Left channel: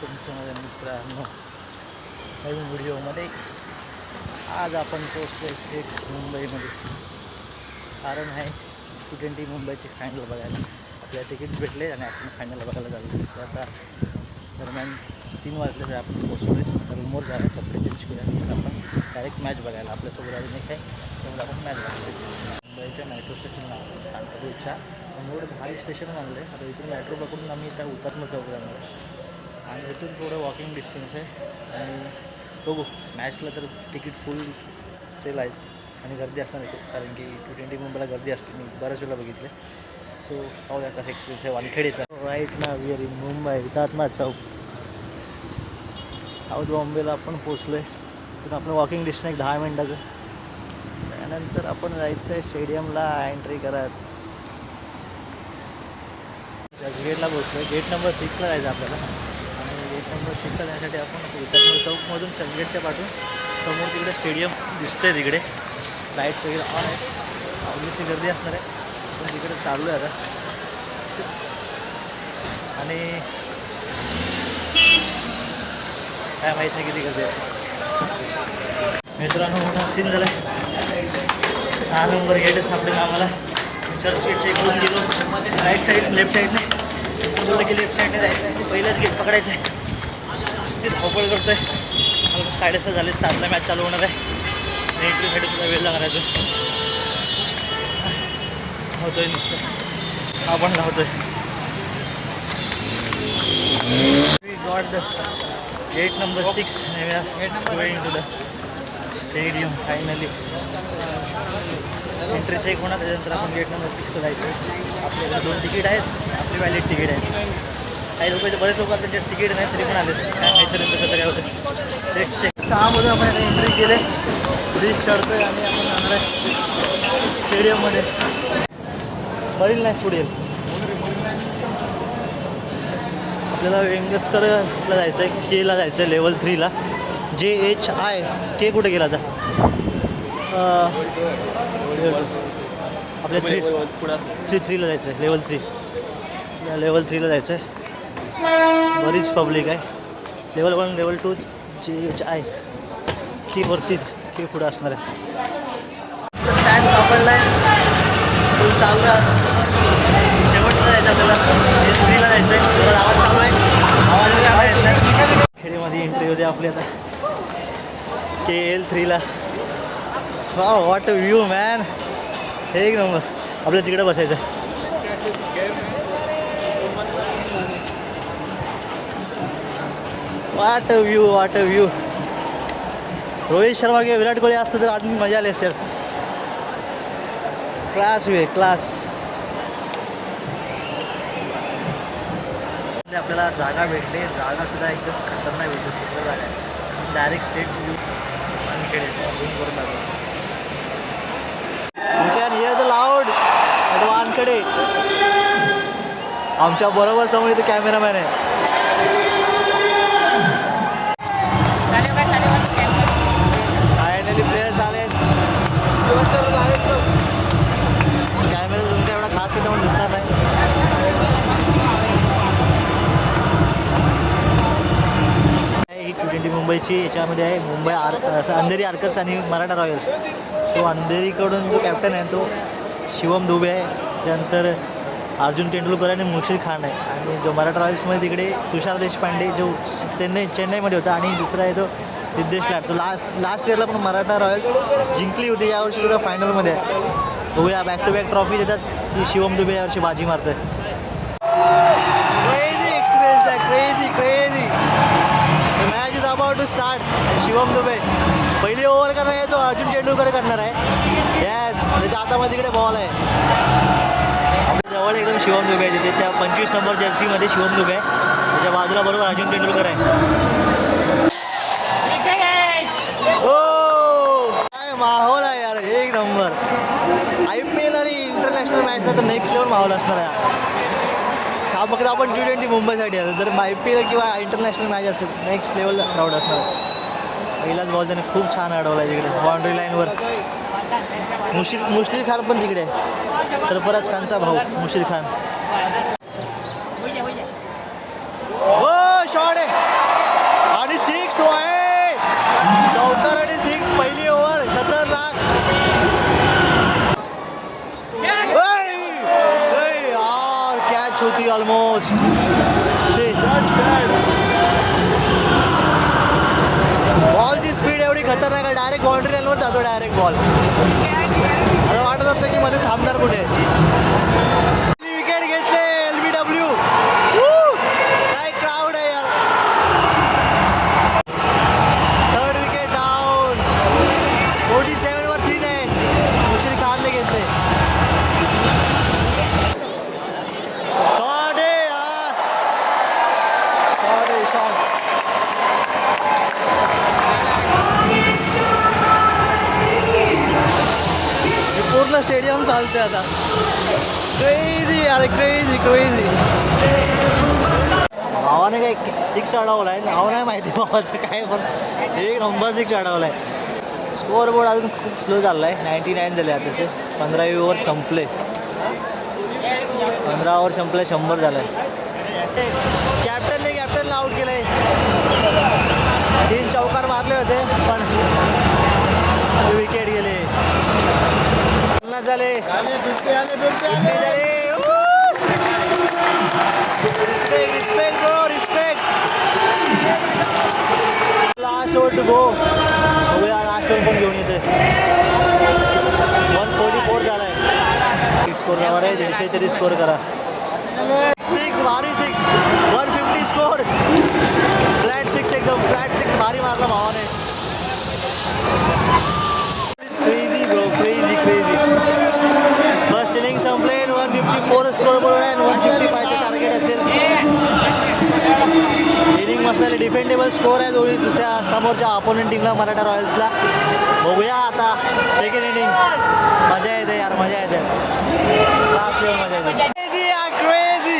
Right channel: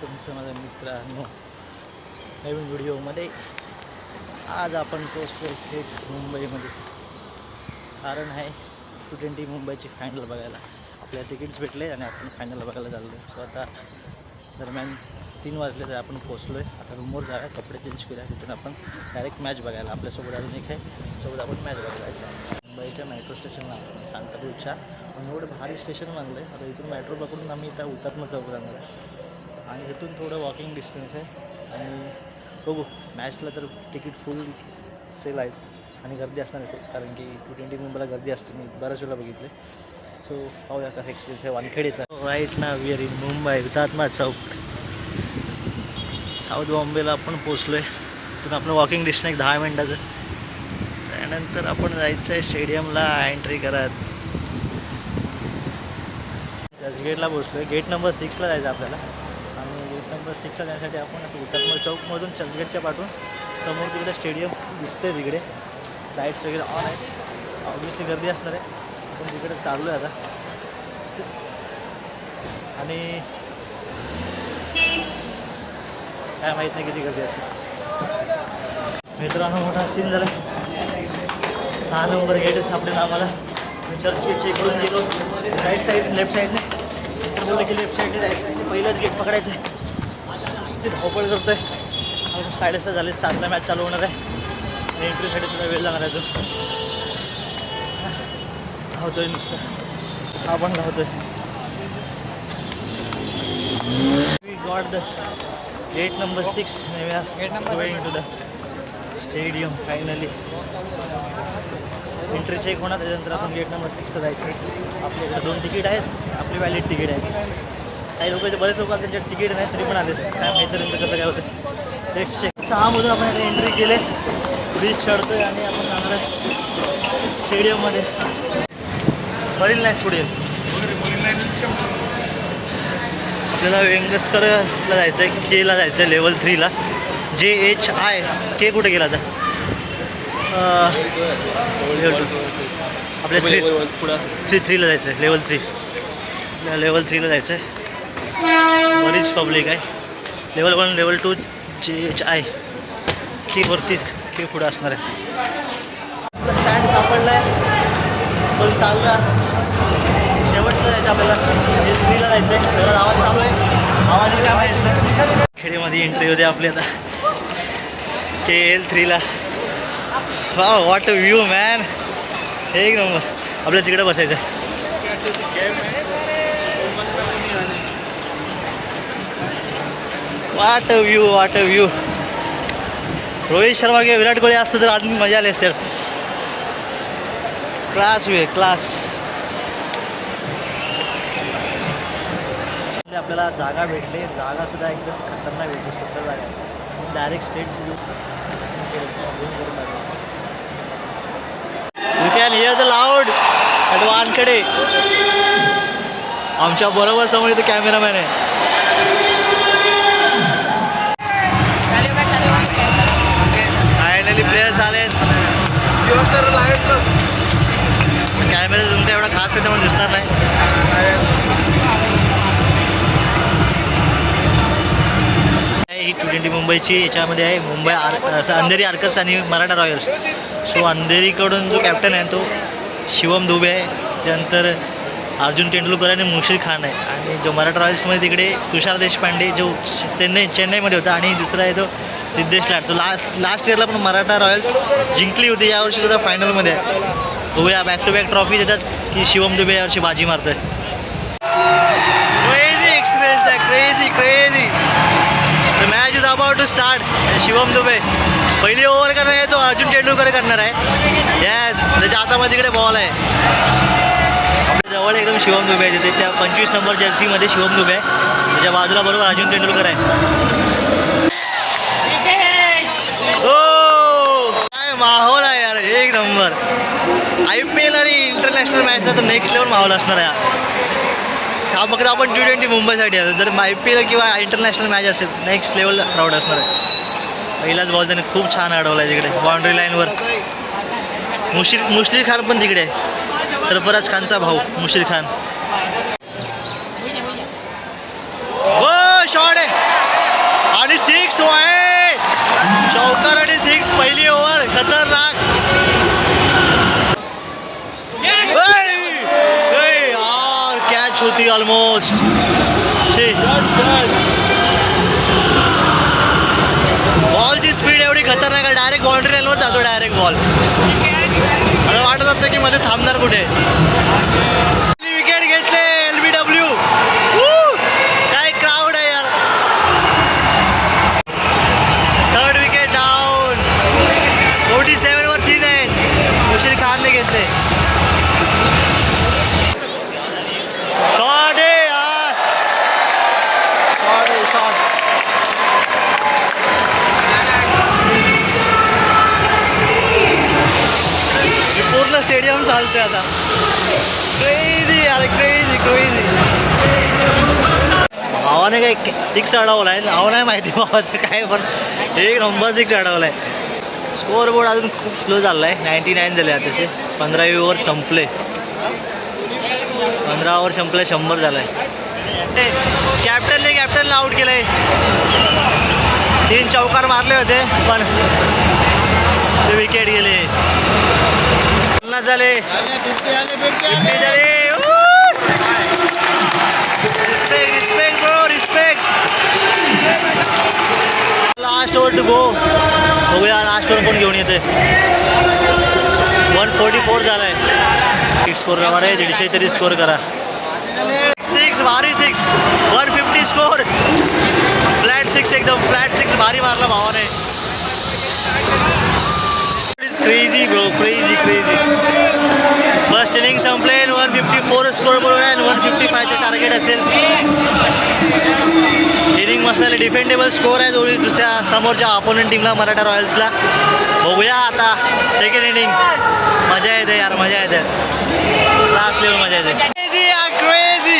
तुमचं माझ्या मित्रांनो नवीन व्हिडिओमध्ये. आज आपण पोहोचलो थेट मुंबईमध्ये. कारण आहे T20 मुंबईची फायनल बघायला. आपल्याला तिकीट्स भेटले आणि आपण फायनल बघायला चाललो. तर आता दरम्यान 3 वाजले तर आपण पोहोचलो आहे. आता रूमवर जाऊया, कपडे चेंज केल्यानंतर आपण डायरेक्ट मॅच बघायला. आपल्यासोबत अजून एक आहे, सोबत आपण मॅच बघायला. मुंबईच्या मेट्रो स्टेशनला सांताक्रूजच्या एवढं भारी स्टेशन बांधलं आहे. आता इथून मेट्रो पकडून आम्ही त्या हुतात्मा चौक जाणार आहे आणि इथून थोडं वॉकिंग डिस्टन्स आहे. आणि बघू, मॅचला तर तिकीट फुल सेल आहेत आणि गर्दी असणार आहे खूप, कारण की T20 मुंबईला गर्दी असते. मी बऱ्याच वेळेला बघितले. सो पाहूया कसा एक्सपिरियन्स आहे वानखेडेचा. राईट ना we are in Mumbai Hutatma Chowk. South बॉम्बेला आपण पोचलो आहे. तिथून आपण वॉकिंग डिस्टन्स 10 मिनटाचं. त्यानंतर आपण जायचं आहे स्टेडियमला एंट्री करत. चर्चगेटला पोचलो. गेट नंबर 6ला जायचं आपल्याला. आणि गेट नंबर 6ला जाण्यासाठी आपण आता हुतात्मा चौकमधून चर्चगेटच्या पाठवून समोर तिकडे स्टेडियम दिसतंय. तिकडे लाईट्स वगैरे ऑन आहेत. ऑब्वियसली गर्दी असणार आहे. आपण तिकडे चाललो आहे आता. आणि काय माहीत नाही किती गर्दी असेल. मित्रांनो, मोठा सीन झाला आहे. 6 नंबर गेटच सापडेल आम्हाला. मी चर्चगेटच्या इकडून गेलो राईट साईड, लेफ्ट साईडने. तर बोललं की लेफ्ट साईडने जायचं आहे. पहिलंच गेट पकडायचं आहे. नुसती धावपळ करतो आहे. 6:30 झाले. 7ला मॅच चालू होणार आहे आणि एंट्रीसाठी सुद्धा वेळ लागणार आहे. अजून धावतोय नुसतं, हा पण धावतोय. We got the gate number 6 and we are going to the stadium finally. Entry check होणार, त्याच्यानंतर आपण गेट नंबर 6ला जायचं. आपल्याकडे 2 तिकीट आहेत, आपली व्हॅलिड तिकीट आहेत. काही लोक इथे बरेच लोक त्यांच्या तिकीट नाही तरी पण आले. काय माहिती त्यांचं कसं काय होतं. Let's check. 6मधून आपण आता एंट्री केले. ब्रिज चढतोय आणि आपण जाणार आहे स्टेडियममध्ये. मरीन लाईन पुढे आपल्याला वेंगसकरला जायचं आहे. केला जायचं आहे लेवल 3ला. JHI कुठे गेला आता? लेवल 2 आपल्या 3ला जायचं आहे. लेवल 3 लेवल 3ला जायचं आहे. बरीच पब्लिक आहे. लेवल 1 लेवल 2 JHI की वरती की पुढं असणार आहे. आपलं स्टँड सापडला आहे. फुल चालू आहे. शेवटचं जायचं आपल्याला. लेवल 3ला जायचं आहे. थोडा आवाज चालू आहे. आवाज काय माहीत नाही. खेडेमध्ये एंट्री होते आपली आता KL 3ला. वा वॉट अ व्ह्यू मॅन. एक नंबर. आपल्या तिकडे बसायचं. What a view, what a view. Rohit Sharma किंवा विराट कोहली असतं तर आदमी मजा आली असेल. क्लास वे क्लास. आपल्याला जागा भेटली. जागासुद्धा एकदम खतरनाक भेटली. सुंदर जागा आहे. डायरेक्ट स्टेट व्ह्यू झूम करून टाकला. You can hear the loud at Wankhede. आमच्या बरोबर समोर इथे कॅमेरामॅन आहे. फायनली प्लेयर्स आले. कॅमेरा तुमचा एवढा खास त्याच्यामध्ये दिसणार नाही. ही T20 मुंबईची याच्यामध्ये आहे. मुंबई अंधेरी आर्कर्स आणि मराठा रॉयल्स. सो अंधेरीकडून जो कॅप्टन आहे तो शिवम दुबे आहे. त्यानंतर अर्जुन तेंडुलकर आणि मुशीर खान आहे. आणि जो मराठा रॉयल्समध्ये तिकडे तुषार देशपांडे जो चेन्नईमध्ये होता. आणि दुसरा आहे तो सिद्धेश लाड. तो लास्ट इयरला पण मराठा रॉयल्स जिंकली होती. यावर्षी सुद्धा फायनलमध्ये आहे. बघूया बॅक टू बॅक ट्रॉफी देतात की शिवम दुबे यावर्षी बाजी मारतोय. क्रेझी एक्सपिरियन्स आहे. Crazy. The match is about to start. Shivam Dubey पहिली ओव्हर करणार आहे. तो अर्जुन तेंडुलकर करणार आहे. यस. त्याच्या हातामध्ये तिकडे बॉल आहे. आपल्या जवळ एकदम शिवम दुबे आहे. तिथे त्या 25 नंबर जर्सीमध्ये शिवम दुबे आहे. त्याच्या बाजूला बरोबर अर्जुन तेंडुलकर आहे. हो काय माहोल आहे यार. एक नंबर. IPL आणि इंटरनॅशनल मॅचचा तर नेक्स्ट लेवल माहोल असणार आहे. हा फक्त आपण T20 मुंबईसाठी आहे. जर IPL किंवा इंटरनॅशनल मॅच असेल नेक्स्ट लेवल क्राऊड असणार आहे. पहिलाच बॉल त्याने खूप छान अडवला आहे. तिकडे बाउंड्री लाईनवर मुशीर खान पण तिकडे आहे. सरफराज खानचा भाऊ मुशीर खान. शॉट आहे आणि 6 आहे. चौकार आणि 6 पहिली ओव्हर खतरनाक. यार कॅच होती ऑलमोस्ट. बॉलची स्पीड एवढी खतरनाक आहे, डायरेक्ट बाउंड्री लाईनवर जातो डायरेक्ट बॉल. मला वाटत होतं की मध्ये थांबणार कुठे. विकेट घेतले LBW. काय क्राऊड आहे यार. 3rd wicket down. 47 वर 3 आहे. मुशीर खानने घेतले. शॉट आहे यार. शॉट. पूर्ण स्टेडियम चालते आता. क्रेझी यार, क्रेझी क्रेझी. भावाने काय 6 अडवला आहे. नाव नाही माहिती भावाचं काय, पण 1 नंबर 6 अडवला आहे. स्कोअर बोर्ड अजून खूप स्लो चालला आहे. 99 झाले आता तसे. 15 ओव्हर संपले. 15 ओव्हर संपले. 100 झालं आहे. कॅप्टनला आऊट केलं आहे. 3 चौकार मारले होते पण ते विकेट गेले. झाले. Respect bro, respect. Last over to go. बघूया लास्ट ओव्हर कोण घेऊन येते. 144 झालाय. स्कोर करा रे, 150 तरी स्कोर करा. 6 भारी 6. 150 स्कोर. फ्लॅट 6 एकदम फ्लॅट 6 भारी मारला भावाने. Crazy bro, crazy crazy. First inning संपले. 154 स्कोर बोर्ड आहे आणि 155चं टार्गेट असेल. इनिंग मस्त झाले. डिफेंडेबल स्कोर आहे दोन्ही दुसऱ्या समोरच्या अपोनंट टीमला, मराठा रॉयल्सला. बघूया आता सेकंड इनिंग. मजा येते यार, मजा येते. लास्ट लेवल मजा येते. क्रेझी यार, क्रेझी.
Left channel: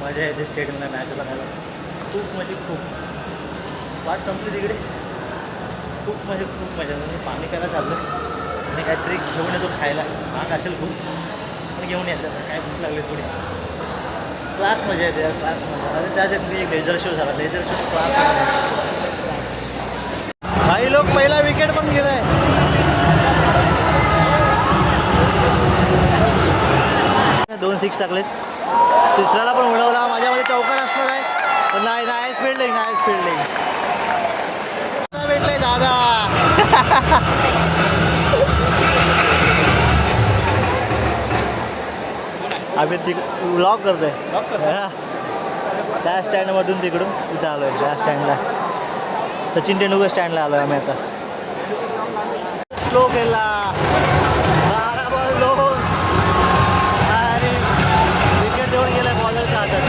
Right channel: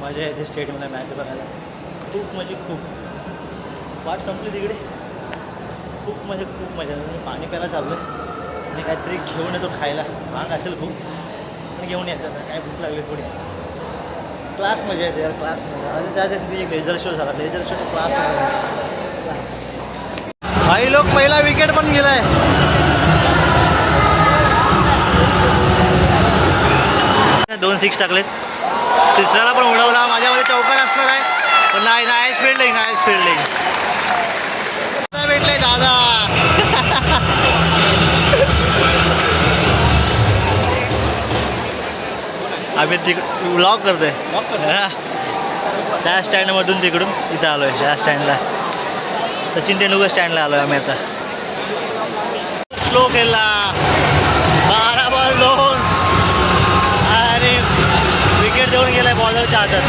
मजा येते स्टेडियमला मॅच बघायला. खूप म्हणजे खूप. वाट संपली तिकडे. खूप म्हणजे खूप मजा. मी पाणी प्यायला चाललं आहे आणि काहीतरी घेऊन येतो खायला. महाग असेल खूप पण घेऊन येतात. काय भूक लागली थोडी. क्लास मजा येते यार, क्लास मजा. आणि त्याच्यात मी लेझर शो झाला. Laser show class class. काही लोक पहिला विकेट पण गेला आहे. 2 6 टाकलेत. तिसऱ्याला पण उडवला. माझ्यामध्ये चौकार असणार आहे पण नाही. Nice fielding, nice fielding. भेटलंय दादा. आम्ही ब्लॉक करतोय. त्या स्टँडमधून तिकडून इथं आलो आहे. त्या स्टँडला सचिन तेंडुलकर स्टँडला आलो आहे आम्ही आता. स्लो खेळला. 12 बॉल 2 आणि विकेट देऊन गेलाय बॉलरच्या हातात.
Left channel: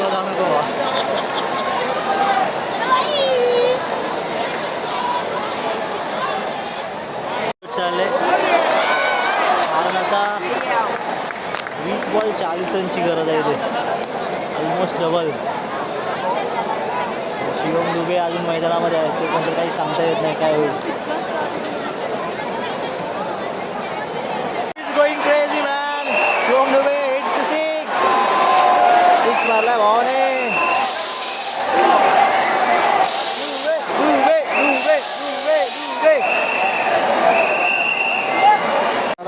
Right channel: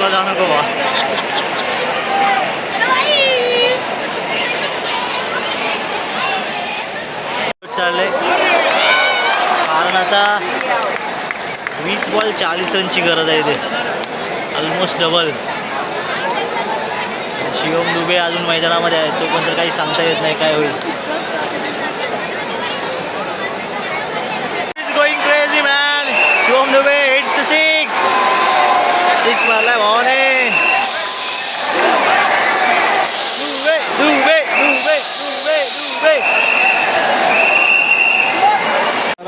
बॉलला जाऊ नको बा. चाललंय कारण आता 20 बॉल 40 रनची गरज आहे इथे. Almost double. शिवम दुबे अजून मैदानामध्ये आहे, तो पण तर काही सांगता येत नाही काय होईल. Going crazy man. Shivam Dube hits the six मारलाय भावाने. दुबे दुबे दुबे दुबे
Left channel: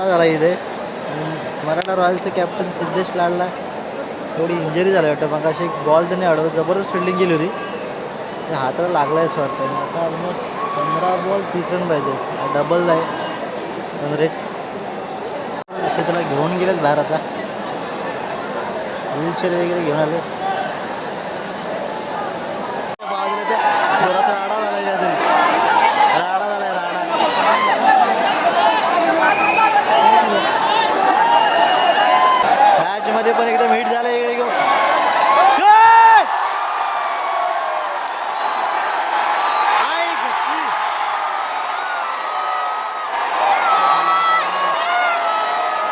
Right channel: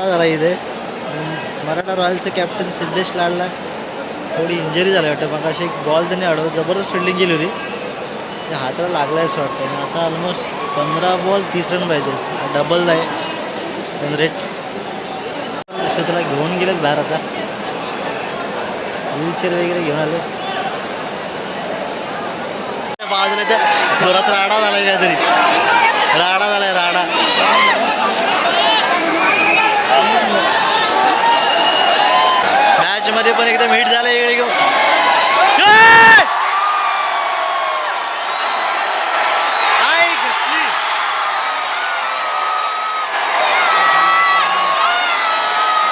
झाला इथे. मराठा रॉयल्सचे कॅप्टन सिद्धेश लाडला थोडी इंजरी झाली वाटतं. मग अशी एक बॉल त्यांनी अडवत जबरदस्त फिल्डिंग केली होती, ते हाताला लागला आहे असं वाटतं. आणि आता ऑलमोस्ट 15 बॉल 30 रन पाहिजे. डबल आहे रन रेट. त्याला घेऊन गेलेत बाहेर. आता व्हीलचेअर वगैरे घेऊन आले बाजूला. तर जोरात राडा झाला काहीतरी. राडा झालाय राडा. मॅच मध्ये पण एकदम हिट झालं इकडे.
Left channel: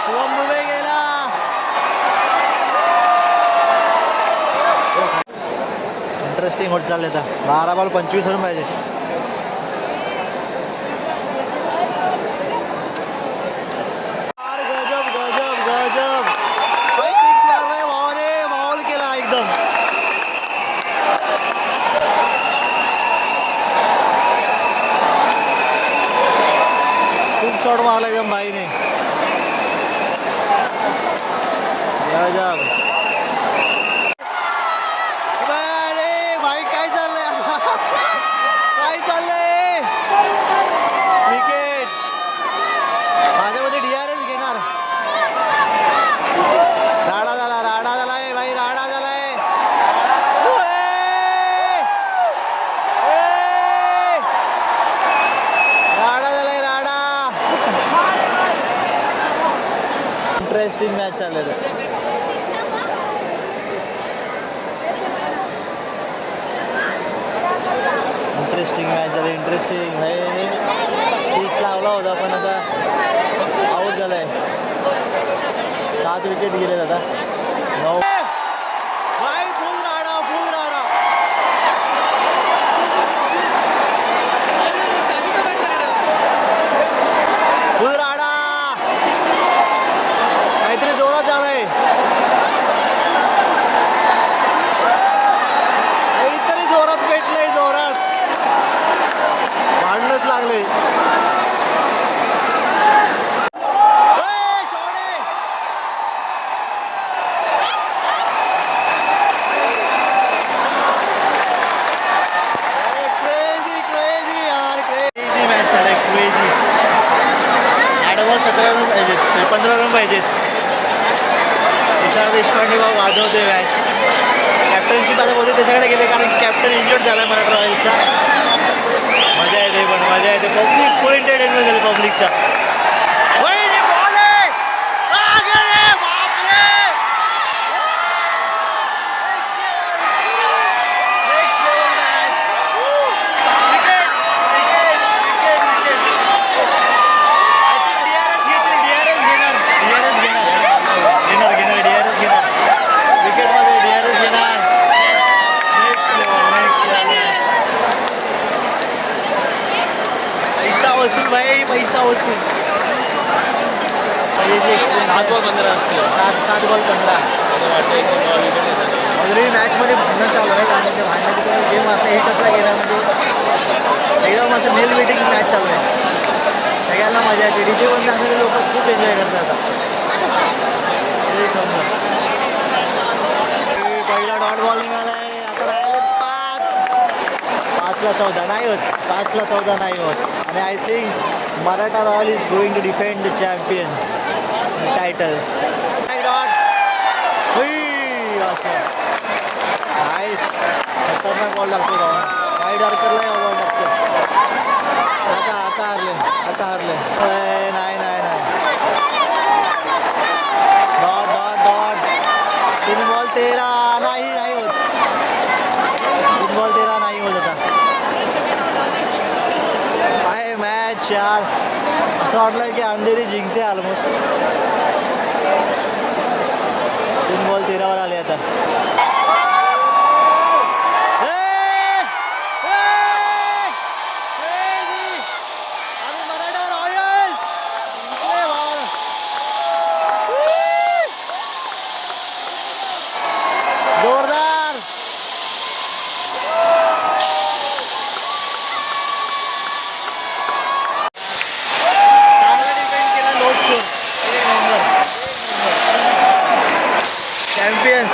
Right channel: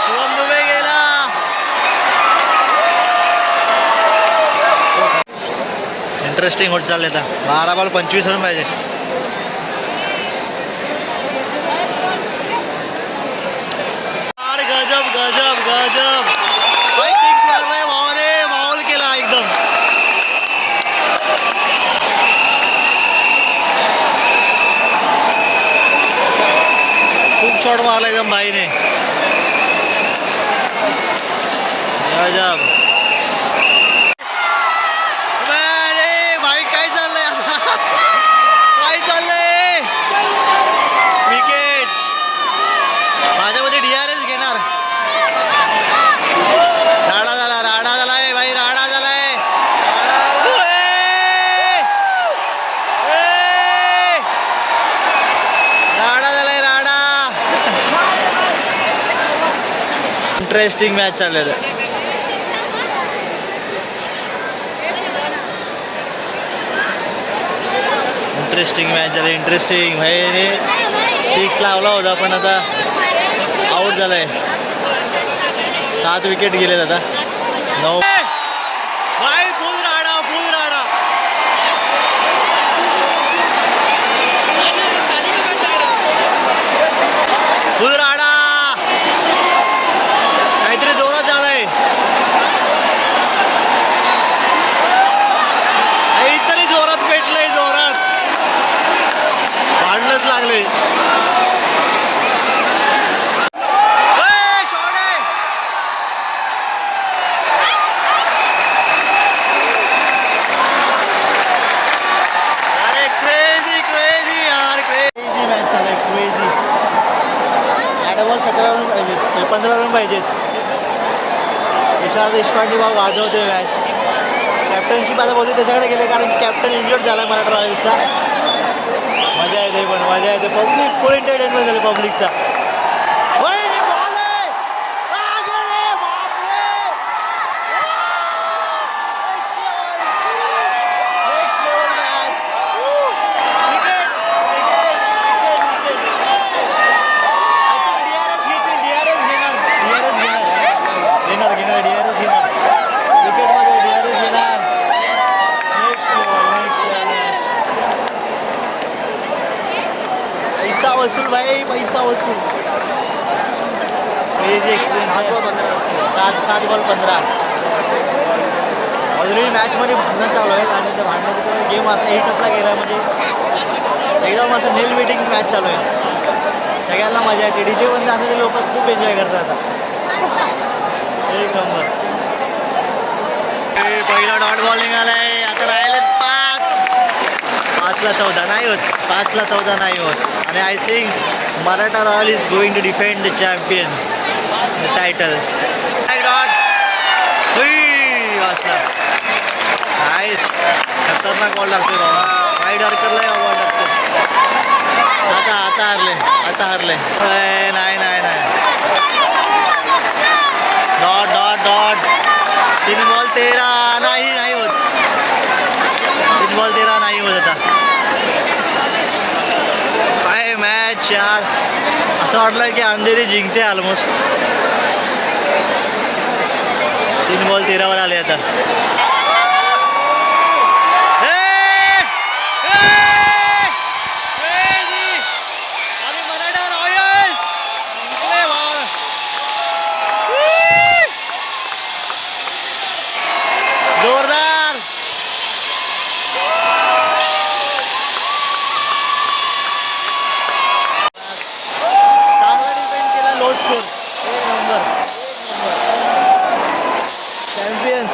शिवम दुबे गेला. इंटरेस्टिंग होत चालले आता. 12 बॉल 25 रन पाहिजे. गजब गजब गजब. 5-6 मारलाय भावाने. माहोल केला एकदम. खूप शॉट मारला एकदम भाईने. गजब. भाई काय चाललंय आता. काय चाललंय. विकेट. माझ्यामध्ये DRS घेणार. राडा झालाय भाई. राडा झालाय. राडा झालाय राडा. इंटरेस्टिंग मॅच चालले. इंटरेस्टिंग मॅच झाली. इंटरेस्टिंग भाई. 6 लावला होता पण आता आउट झालाय. 7 विकेट गेलेत आता. 9 भाई. फुल राडा. फुल राडा. काहीतरी जोरात झालाय. काहीतरी जोरात पेटलंय. जोरात भांडणच लागले. क्रेझी. 8 बॉल 17 रन पाहिजेत. 15 रन पाहिजेत. विशाल देशपांडे भाऊ वाजवते मॅच. कॅप्टनशिप आता बोलते त्याच्याकडे गेले कारण कॅप्टन इंजर्ड झाला मराठा रॉयल्सचा. मजा येते पण मजा येते. पब्लिक फुल एंटरटेनमेंट झाली पब्लिकचा. विकेटमध्ये DRS घेणार. Next level. पैसा वसूल भाई. पैसा वसूल. हे जे एक्सपिरियन्स आहे. 7 बॉल 15. ऑलरेडी मॅचमध्ये भांडणं चालू आहेत आणि त्या भांडणाचा गेम असा हिटअपला गेला म्हणजे एकदम असं नेल बेटिंग मॅच चालू आहे. सगळ्यांना मजा येते. DJ बंद असं लोक खूप एन्जॉय करतात आता. एक नंबर. पहिला डॉट बॉल निघालाय. आता राहिलेत 5 ला 14 नाही होत. 5 ला 14 नाही होत. आणि I think Maratha Royal is going to defend the champion title. Dot वाचला. नाईस. खतरनाक बॉल लागतोय बाबा. वाईड आर्करला बॉल लागतो. आता हरले. नाही. डॉट 3 बॉल 13 नाही होत. बॉल 13 नाही होत आता. काय मॅच यार, असं वाटलं की अंधेरी जिंकते ऑलमोस्ट. 3 बॉल 13 वर आले आता. आणि मराठा रॉयल्स जिंकले बॉल. जोरदार. चांगला डिफेंड केला. Low score. एक नंबर. चॅम्पियन्स.